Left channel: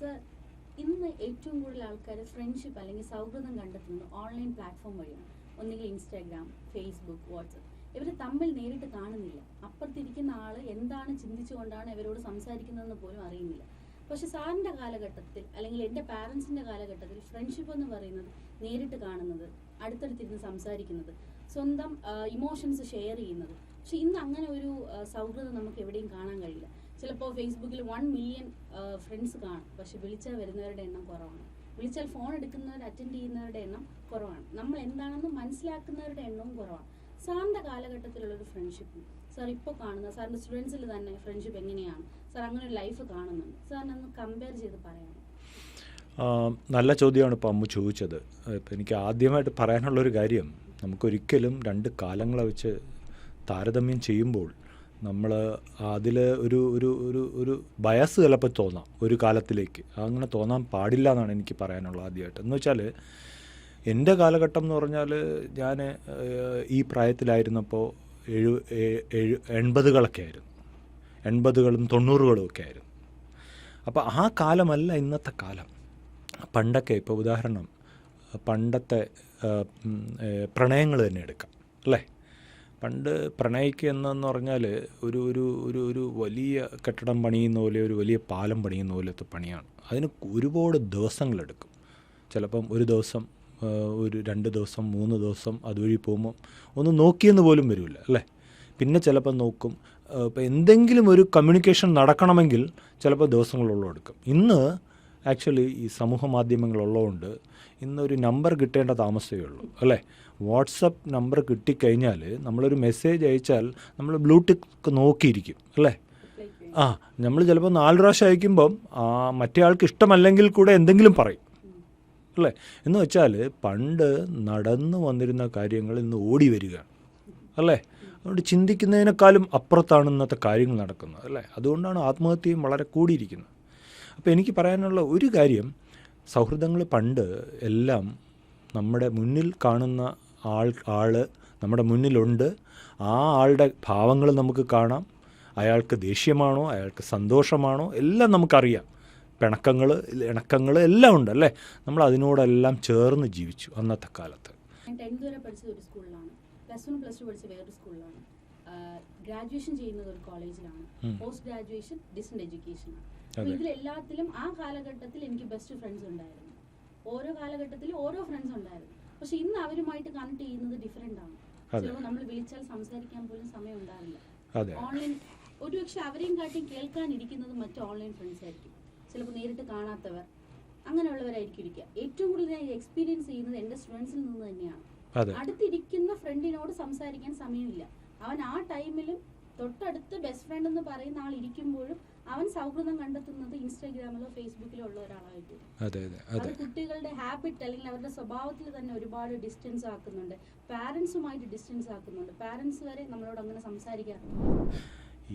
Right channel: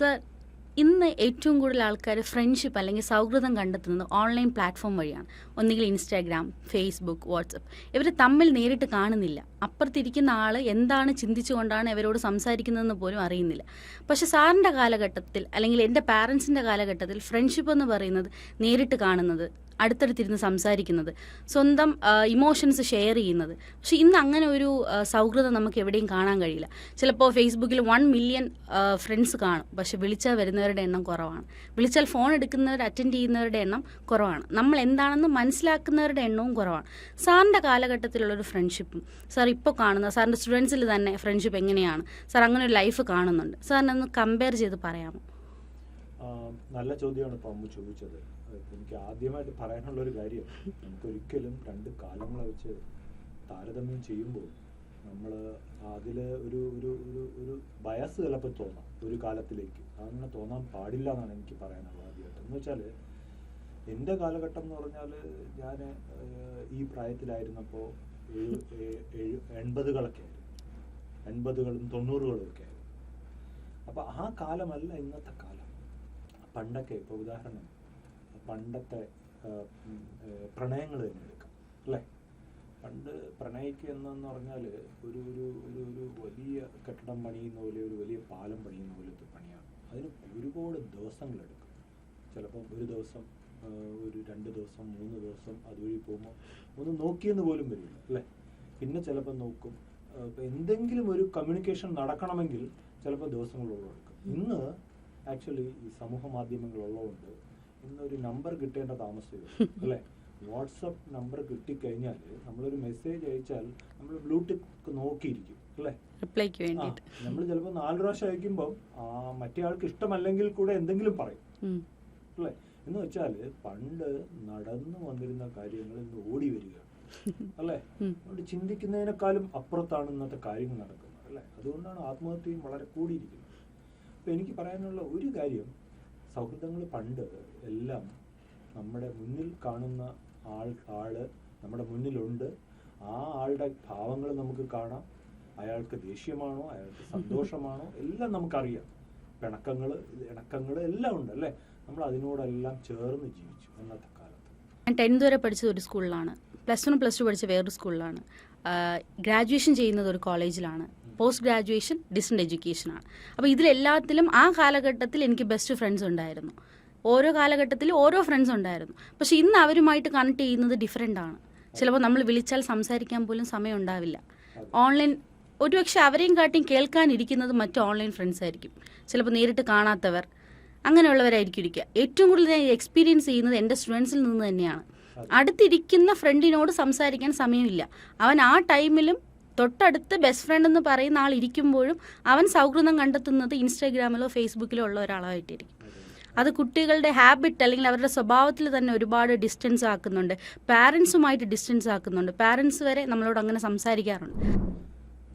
Sir, ഇന്ന് ഏറ്റവും കൂടുതൽ ആൾക്കാർ ഫ്രണ്ട്ഷിപ്പ് അല്ലെങ്കിൽ സൗഹൃദം കണ്ടെത്തുന്നത് ഓൺലൈൻ പ്ലാറ്റ്ഫോം വഴിയാണ്. ഒന്നുകിൽ ഇൻസ്റ്റാഗ്രാം, ഫേസ്ബുക്ക്, വാട്സപ്പ്. ഇവർ തമ്മിൽ നേരിട്ട് കാണുന്നില്ല. അപ്പുറത്തിരിക്കുന്ന ആൾ എന്താണ് ചിന്തിച്ചുകൊണ്ടാണ് ഇവരോട് സംസാരിക്കുന്നതെന്ന് പോലും അറിയുന്നില്ല. പക്ഷെ സാറിൻ്റെ കാലഘട്ടത്തിൽ അല്ലെങ്കിൽ എൻ്റെ പാരൻസിൻ്റെ കാലഘട്ടത്തിൽ ഫ്രണ്ട്ഷിപ്പ് എന്ന് പറയുന്നത് നേരിട്ട് കാണുന്നത്, അടുത്തടുത്തിരുന്ന് സംസാരിക്കുന്നത്, സ്വന്തം ഇമോഷൻസ് ഷെയർ ചെയ്യുന്നത്. പക്ഷെ ഇന്ന് അങ്ങനെ ഒരു സൗഹൃദം നമുക്ക് എവിടെയും കാണാൻ കഴിയില്ല. ചിലപ്പോൾ ഫേസ്ബുക്കിൽ 1 മില്യൺ ഫ്രണ്ട്സ് കാണും, പക്ഷെ വിളിച്ചാൽ വരുന്നവരുടെ എണ്ണം കുറവാണ്. വിളിച്ചാൽ ഫോൺ എടുക്കുന്നവർ, അറ്റൻഡ് ചെയ്യുന്നവരുടെ എണ്ണം കുറവാണ്. നമ്മൾ എന്താണെന്ന് മനസ്സിലാക്കുന്നവരുടെ എണ്ണവും കുറവാണ്. സാറിൻ്റെ കാലഘട്ടത്തിലുള്ളൊരു ഫ്രണ്ട്ഷിപ്പും സാർ ഇപ്പോൾ കാണുന്ന സാറിൻ്റെ സ്റ്റുഡൻസിൽ തന്നെ ഫ്രണ്ട്ഷിപ്പ് എങ്ങനെയാണ്? സാർ അങ്ങനെ ഒരു ലൈഫ് കാണുന്നുണ്ട്, സാറിനൊന്ന് കമ്പയർ ചെയ്ത് പറയാമോ? നല്ല ചോദ്യമാണ് ഇപ്പോൾ അമ്മു ചോദിച്ചത്. ഇപ്പം എനിക്ക് ആദ്യമായിട്ട് പറയാനുള്ളൊരു കാര്യം, നമുക്കൊരിക്കലും രണ്ട് കാലങ്ങളെ വെച്ച് താരതമ്യം ചെയ്യുമ്പോൾ നമ്മൾ അതിൽ ഒരു ഒരു ഒരു ഒരു ബയസ് ചിലപ്പോൾ തോന്നാം ഒരു കാലത്തിലേക്ക്. അങ്ങനെ തോന്നാൻ പാടില്ല എന്നാണ് എനിക്ക് പറയാനുള്ളത് ആദ്യമായിട്ട്. എന്ന് വെച്ചാൽ എൻ്റെ കാലഘട്ടം എന്ന് പറഞ്ഞാൽ ഞാൻ ഈ പ്രായത്തിലായിരുന്നപ്പോൾ 80കളൊക്കെ ആയിരുന്നു, 80കളും 90കളും ഒക്കെ ആയിരുന്നു. അപ്പോൾ ആ കാലമല്ല ഇന്നത്തെ കാലം. പണ്ടൊക്കെ ഇപ്പോൾ ഉദാഹരണം പണ്ടത്തെ പ്രണയങ്ങൾ തന്നെ എടുക്കാം അല്ലേ. പണ്ട് പ്രണയിക്കുക എന്നു പറഞ്ഞാൽ ഒരു ഒരു ഒരു ഒരു വലിയ കെട്ടിടം പണിയുന്ന പോലെ, ഒരു വലിയ പാലം പണിയുന്ന പോലത്തെ പണിയാണ്. അതിന് ഒരുപാട് ദിവസങ്ങളെടുക്കും. ചിലപ്പം ഒരു ദിവസം, ഒരു 2 ദിവസം, 3 ദിവസം അതുവഴി പോകുമ്പോൾ ഒന്ന് നോക്കിയെന്ന് പോലും വരില്ല അല്ലേ. പിന്നെ ചിലപ്പോൾ നോക്കും. ഇപ്പോൾ എന്തെങ്കിലും ഒരു കമ്മ്യൂണിക്കേഷൻ നടക്കണമെങ്കിൽ ചിലപ്പോൾ ദിവസങ്ങളോളം എടുക്കും. ഇന്ന് ആക്ച്വലി ഈ സമൂഹ മാധ്യമങ്ങളുള്ളതുകൊണ്ട് ഇന്നൊരു നമ്പർ കിട്ടേണ്ട താമസമേ ഉള്ളൂ അല്ലേ. വാട്സപ്പ് നമ്പർ കിട്ടിക്കഴിഞ്ഞാൽ നമ്മളൊരു മെസ്സേജ് അയച്ചാൽ നമ്മൾ ബ്ലൂടിക്ക് നോക്കിയിരിക്കും അല്ലേ. നമ്മൾ ചിലപ്പോൾ 4 പ്രാവശ്യം അയക്കുമ്പം മറ്റേ ആൾക്ക് ഇഷ്ടമല്ലെങ്കിൽ കൂടെ എന്തെങ്കിലും പറയും അല്ലേ. എന്ന് വെച്ചാൽ പണ്ട് നടന്നു വന്നിരുന്ന കാര്യങ്ങൾ ഇന്ന് ഓടി വരികയാണ് അല്ലേ. അതുകൊണ്ട് ചിന്തിക്കുന്നതിനേക്കാളും അപ്പുറത്താണ് ഇന്നത്തെ കാര്യങ്ങൾ നടക്കുന്നത് അല്ലേ. അതുകൊണ്ടാണ് ആത്മഹത്യയും വളരെ കൂടിയിരിക്കുന്നത്. അപ്പോൾ എനിക്ക് പറയാനുള്ള ഒരു കാര്യം, സൗഹൃദങ്ങൾ പണ്ട് എല്ലാം നമ്മുടെ മുന്നിൽ കാണുന്ന ആൾ നമ്മുടെ മുന്നിലുണ്ട്. ആ ആളുടെ ഭാവങ്ങൾ നമുക്ക് കാണാം. അയാൾക്ക് ദേഷ്യമാണോ, അയാൾക്ക് സന്തോഷമാണോ, എല്ലാം നമുക്കറിയാം. പിണക്കങ്ങൾ, ഇണക്കങ്ങൾ എല്ലാം ഉണ്ട് അല്ലേ. നമ്മൾ അതിനോടെല്ലാം ചേർന്ന് ജീവിച്ചു അന്നത്തെ കാലത്ത്. ഞാൻ 10th വരെ പഠിച്ചത് ഒരു സ്കൂളിലാണ്, +1 +2 പഠിച്ച വേറൊരു സ്കൂളിലാണ്, ഗ്രാജുവേഷൻ ചെയ്യുന്നത് ഒരു കോളേജിലാണ്, പോസ്റ്റ് ഗ്രാജുവേഷൻ ഡിസ്റ്റന്റ് എഡ്യൂക്കേഷനാണ്. അപ്പോൾ ഇതിലെല്ലാത്തിലും ആ കാലഘട്ടത്തിൽ എനിക്ക് ബെസ്റ്റ് ഫ്രണ്ട്സ് ഉണ്ടായിരുന്നു. ഓരോ കാലഘട്ടത്തിലും ഓരോ ഫ്രണ്ട്സ് ഉണ്ടായിരുന്നു. പക്ഷെ ഇന്ന് അവരുമായിട്ട് കണക്ട് ചെയ്യുന്നത് ഡിഫറെൻ്റ് ആണ്. ചിലപ്പോൾ നമ്മൾ വിളിച്ചാൽ സംസാരിക്കാൻ പോലും സമയം ഉണ്ടാവില്ല. ഓൺലൈൻ ഒരുപക്ഷെ അവരെയും കാട്ടിയും കേൾക്കാനിരിക്കുന്നത് മറ്റ് ഓൺലൈൻ ഫ്രണ്ട്സ് ആയിരിക്കും. ചിലപ്പോൾ നേരിട്ട് കാണാത്തവർ, അങ്ങനെയുള്ളവരായിരിക്കും ഇരിക്കുക. ഏറ്റവും കൂടുതൽ ഞാൻ എക്സ്പീരിയൻസ് ചെയ്യുന്നത് എൻ്റെ സ്റ്റുഡൻസിൽ നിന്ന് തന്നെയാണ്. അടുത്തിരിക്കുന്ന ഫ്രണ്ടിനോട് സംസാരിക്കാൻ സമയമില്ല. അവൻ ആ ടൈമിലും തൊട്ടടുത്ത് ബെസ്റ്റ് ഫ്രണ്ട് എന്ന് പറയുന്ന ആൾ ഇരിക്കുമ്പോഴും അവൻ സൗഹൃദം കണ്ടെത്തുന്നത് ഇൻസ്റ്റാഗ്രാമിലോ ഫേസ്ബുക്കിലോ ഉള്ള ഒരാളായിട്ടായിരിക്കും. അത് കുട്ടികളുടെ ഹാബിറ്റ് അല്ലെങ്കിൽ അവരുടെ സ്വഭാവത്തിൽ തന്നെ ഒരുപാട് ഡിസ്റ്റൻസ് ആക്കുന്നുണ്ട്. പാരൻസുമായിട്ട് ഡിസ്റ്റൻസ് ആക്കുന്നുണ്ട്. പാരൻസ് വരെ നമ്മളോട് അങ്ങനെ സംസാരിക്കാറുണ്ട്.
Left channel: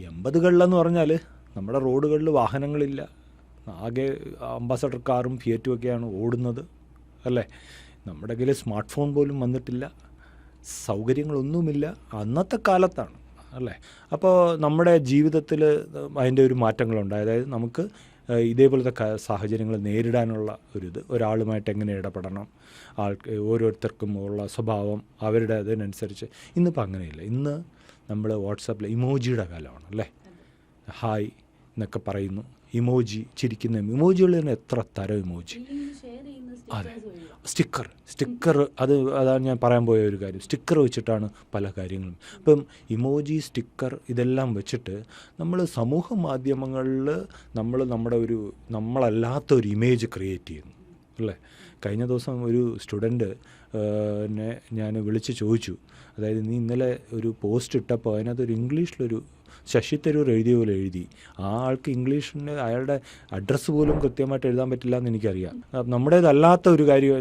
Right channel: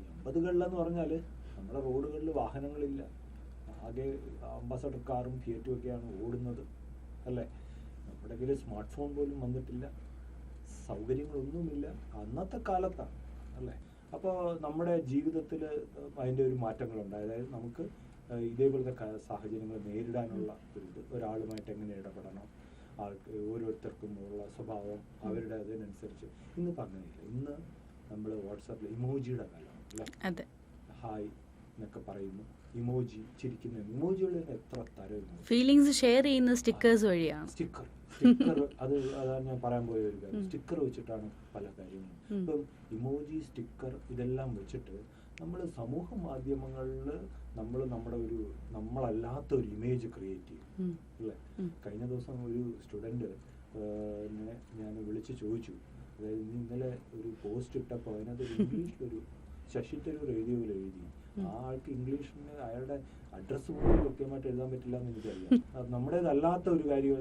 80കളിലെന്ന് പറഞ്ഞാൽ നമ്മുടെ റോഡുകളിൽ വാഹനങ്ങളില്ല. ആകെ അംബാസഡർ കാറും ഫിയറ്റും ഒക്കെയാണ് ഓടുന്നത് അല്ലേ. നമ്മുടെ കയ്യിൽ സ്മാർട്ട് ഫോൺ പോലും വന്നിട്ടില്ല, സൗകര്യങ്ങളൊന്നുമില്ല. അന്നത്തെ കാലത്താണ് അല്ലേ. അപ്പോൾ നമ്മുടെ ജീവിതത്തിൽ അതിൻ്റെ ഒരു മാറ്റങ്ങളുണ്ട്. അതായത് നമുക്ക് ഇതേപോലത്തെ സാഹചര്യങ്ങൾ നേരിടാനുള്ള ഒരാളുമായിട്ട് എങ്ങനെ ഇടപെടണം, ഓരോരുത്തർക്കും ഉള്ള സ്വഭാവം അവരുടെ അതിനനുസരിച്ച്. ഇന്നിപ്പോൾ അങ്ങനെയില്ല. ഇന്ന് നമ്മൾ വാട്സാപ്പിൽ ഇമോജിയുടെ കാലമാണ് അല്ലേ. ഹായ് എന്നൊക്കെ പറയുന്നു, ഇമോജി, ചിരിക്കുന്ന ഇമോജികൾ തന്നെ എത്ര തരം ഇമോജി. ഫീലിംഗ്സ് ഷെയർ ചെയ്യുന്ന സ്റ്റിക്കേഴ്സ് വഴിയാണ്. സ്റ്റിക്കർ അതാണ് ഞാൻ പറയാൻ പോയ ഒരു കാര്യം. സ്റ്റിക്കർ വെച്ചിട്ടാണ് പല കാര്യങ്ങളും. ഇപ്പം ഇമോജി, സ്റ്റിക്കർ ഇതെല്ലാം വെച്ചിട്ട് നമ്മൾ സമൂഹ മാധ്യമങ്ങളിൽ നമ്മളല്ലാത്ത ഒരു ഇമേജ് ക്രിയേറ്റ് ചെയ്യുന്നു അല്ലേ. കഴിഞ്ഞ ദിവസം ഒരു സ്റ്റുഡൻറ്റ് ഞാൻ വിളിച്ച് ചോദിച്ചു, അതായത് നീ ഇന്നലെ ഒരു പോസ്റ്റ് ഇട്ടപ്പോൾ അതിനകത്തൊരു ഇംഗ്ലീഷിലൊരു ശശി തരൂർ എഴുതിയ പോലെ എഴുതി. ആ ആൾക്ക് ഇംഗ്ലീഷിന് അയാളുടെ അഡ്രസ്സ് പോലും കൃത്യമായിട്ട് എഴുതാൻ പറ്റില്ല എന്ന് എനിക്കറിയാം. നമ്മുടേതല്ലാത്ത ഒരു കാര്യം,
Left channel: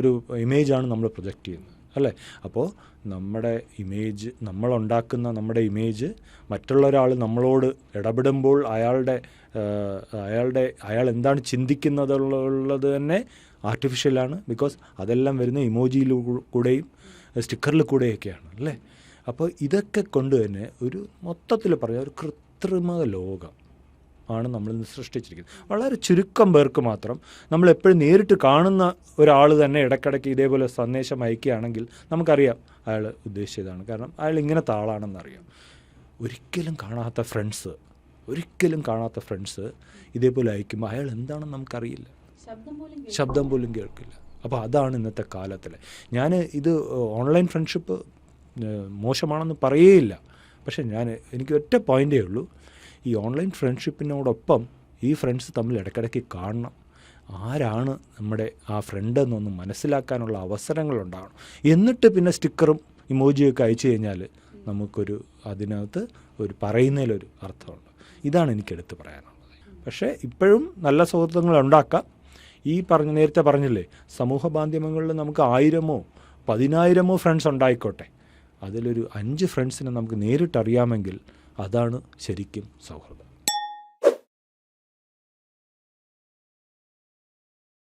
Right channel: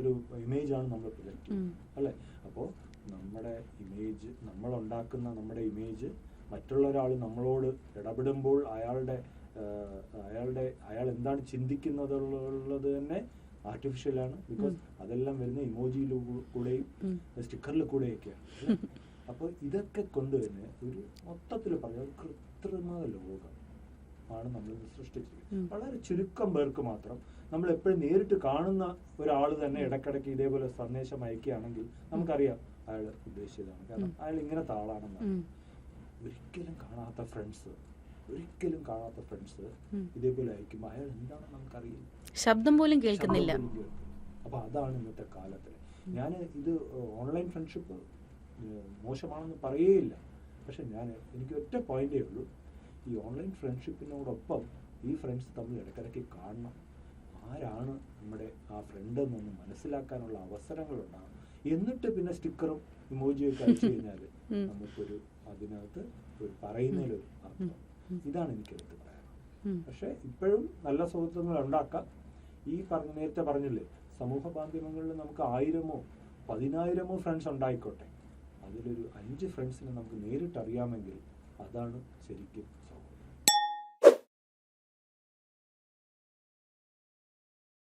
ഒരു ഇമേജാണ് നമ്മൾ പ്രൊജക്റ്റ് ചെയ്യുന്നത് അല്ലേ. അപ്പോൾ നമ്മുടെ ഇമേജ്, നമ്മളുണ്ടാക്കുന്ന നമ്മുടെ ഇമേജ് മറ്റുള്ള ഒരാൾ നമ്മളോട് ഇടപെടുമ്പോൾ അയാൾ എന്താണ് ചിന്തിക്കുന്നതുള്ളത് തന്നെ ആർട്ടിഫിഷ്യലാണ്. ബിക്കോസ് അതെല്ലാം വരുന്ന ഇമോജിയിലൂടെയും സ്റ്റിക്കറിൽ കൂടെയൊക്കെയാണ് അല്ലേ. അപ്പോൾ ഇതൊക്കെ കൊണ്ട് തന്നെ ഒരു മൊത്തത്തിൽ പറഞ്ഞാൽ ഒരു കൃത്രിമ ലോകം ആണ് നമ്മളിന്ന് സൃഷ്ടിച്ചിരിക്കുന്നത്. വളരെ ചുരുക്കം പേർക്ക് മാത്രം നമ്മൾ എപ്പോഴും നേരിട്ട് കാണുന്ന ഒരാൾ തന്നെ ഇടയ്ക്കിടയ്ക്ക് ഇതേപോലെ സന്ദേശം അയക്കുകയാണെങ്കിൽ നമുക്കറിയാം അയാൾ ഉദ്ദേശിച്ചതാണ്. കാരണം അയാൾ ഇങ്ങനത്തെ ആളാണെന്നറിയാം. ഒരിക്കലും കാണാത്ത ഫ്രണ്ട്സ് ഇതേപോലെ അയക്കുമ്പോൾ അയാൾ എന്താണെന്ന് നമുക്കറിയില്ല, ശബ്ദം പോലും കേൾക്കില്ല. അപ്പോൾ അതാണ് ഇന്നത്തെ കാലത്തിലെ. ഞാൻ ഇത് ഓൺലൈൻ ഫ്രണ്ട്ഷിപ്പ് മോശമാണെന്ന് പറയുകയില്ല, പക്ഷെ എനിക്ക് ഒറ്റ പോയിൻ്റേ ഉള്ളൂ, ഈ ഓൺലൈൻ ഫ്രണ്ട്ഷിപ്പിനോടൊപ്പം ഈ ഫ്രണ്ട്സ് തമ്മിൽ ഇടയ്ക്കിടയ്ക്ക് കാണണം, ആരാണ് നമ്മുടെ ആ ഫ്രണ്ട് എന്നൊന്ന് മനസ്സിലാക്കാനുള്ള അവസരങ്ങളുണ്ടാകണം. എന്നിട്ട് പിന്നെ സ്റ്റിക്കറും ഇമോജിയൊക്കെ അയച്ചു കഴിഞ്ഞാൽ നമുക്കൊരു അതിനകത്ത് ഒരു പറയുന്നതിലൊരു അർത്ഥമുണ്ട്. ഇതാണ് എനിക്കെടുത്ത് പറയാനുള്ളത്. പക്ഷേ ഇപ്പോഴും നല്ല സൗഹൃദങ്ങൾ ഉണ്ടാക്കാം. നേരത്തെ പറഞ്ഞില്ലേ, സമൂഹ മാധ്യമങ്ങളിൽ നമുക്ക് 1000-ഓ 10,000-ഓ ഫ്രണ്ട്സ് ഉണ്ടായിക്കോട്ടെ, അതിലൊരു 5 ഫ്രണ്ട്സിനെ നമുക്ക് നേരിട്ടറിയാമെങ്കിൽ അതാണ് ശരിക്കും സൗഹൃദം.